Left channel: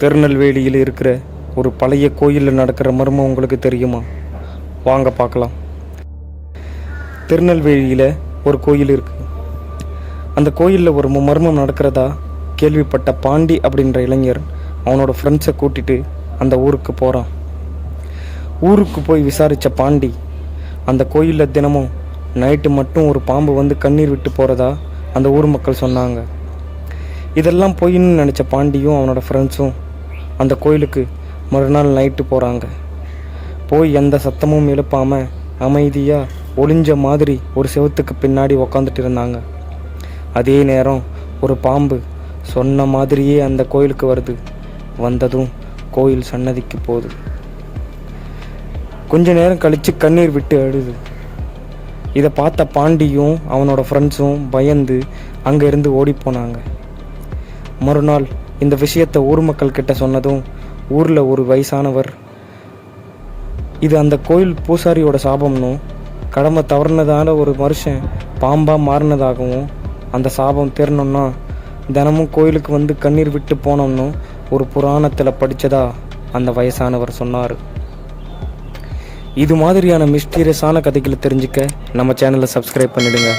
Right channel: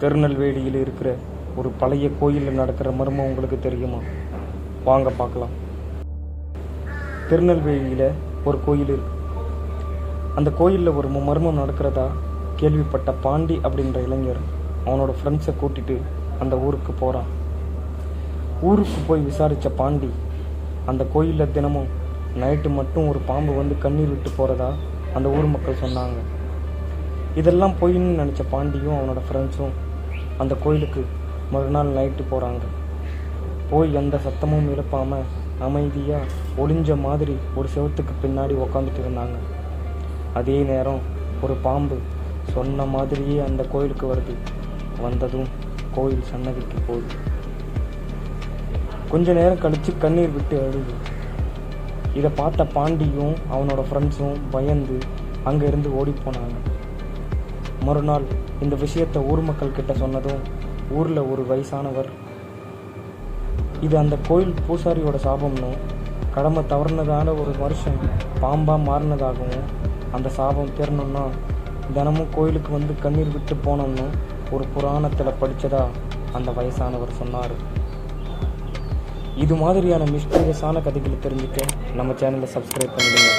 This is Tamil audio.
திருநெல்வேலியில் இருக்கிற ஒரு பழைய கோயிலில் நடக்கிற மர்மம் உங்களுக்கு தெரியுமா? வாங்க பார்க்கலாம். திருநெல்வேலியில் ஒரு கோயில் இருக்குது. அந்த கோயிலில் ஒரு மர்மம் நடக்கிறதா கேள்விப்பட்ட பாண்டி அப்படின்ற இளைஞர் அவனோட ஃப்ரெண்ட்ஸை கூட்டிகிட்டு அந்த ஊருக்கு போகிறான். ஊருக்கு போய் விசாரித்த பாண்டி அந்த கோயிலில் தினமும் நைட்டு மட்டும் ஒரு பாம்பு வந்து கண்ணீர் விட்டு போகிறதா அந்த ஊர் மக்கள் சொன்னாங்க. இதெல்லாம் பொய்ன்னு நினச்ச பாண்டியும் அவனோட ஃப்ரெண்ட்ஸும் அந்த கோயிலுக்கு மறுநாள் நைட்டு போகிறாங்க. போய் எந்த சத்தமும் எழுப்பாமல் அமைதியாக ஒளிஞ்ச மாதிரி ஒரு செவத்துக்கு பின்னாடி உக்காந்துட்டு இருந்தாங்க. அதே நேரம் ஒரு பாம்பு சொன்ன மாதிரியே அந்த கோயிலுக்கு வருது. வந்ததும் கோயில் சன்னதிக்கு போகுது. கொஞ்ச நேரம் கழித்து கண்ணீர் விட்டு அழுது. இதை பார்த்த பாண்டியும் அவனோட ஃப்ரெண்ட்ஸும் பயந்து அங்கேருந்து ஓடி போனாங்க. மறுநாள் இந்த விஷயத்தை ஊர் மக்கள் கிட்ட சொன்னதும் ஊரில் ஒரு வயசானவர் இது அந்த கோயில் பூசாரியோட சாபம்னும் கடமை தவறுனதால ஒரு மனுஷன் பாம்பாக மாறினதாகவும் அந்த சாபம் தீரணும்னா தினமும் கோயிலுக்கு வந்து கண்ணீர் விட்டு போனோம்னு ஒரு புராணத்தில் படித்ததா அந்த வயசானவர் சொன்னார். இது மாதிரியான மிஸ்டீரியஸான கதைகளை தெரிஞ்சுக்க நம்ம சேனலை சப்ஸ்கிரைப் பண்ணிடுங்க.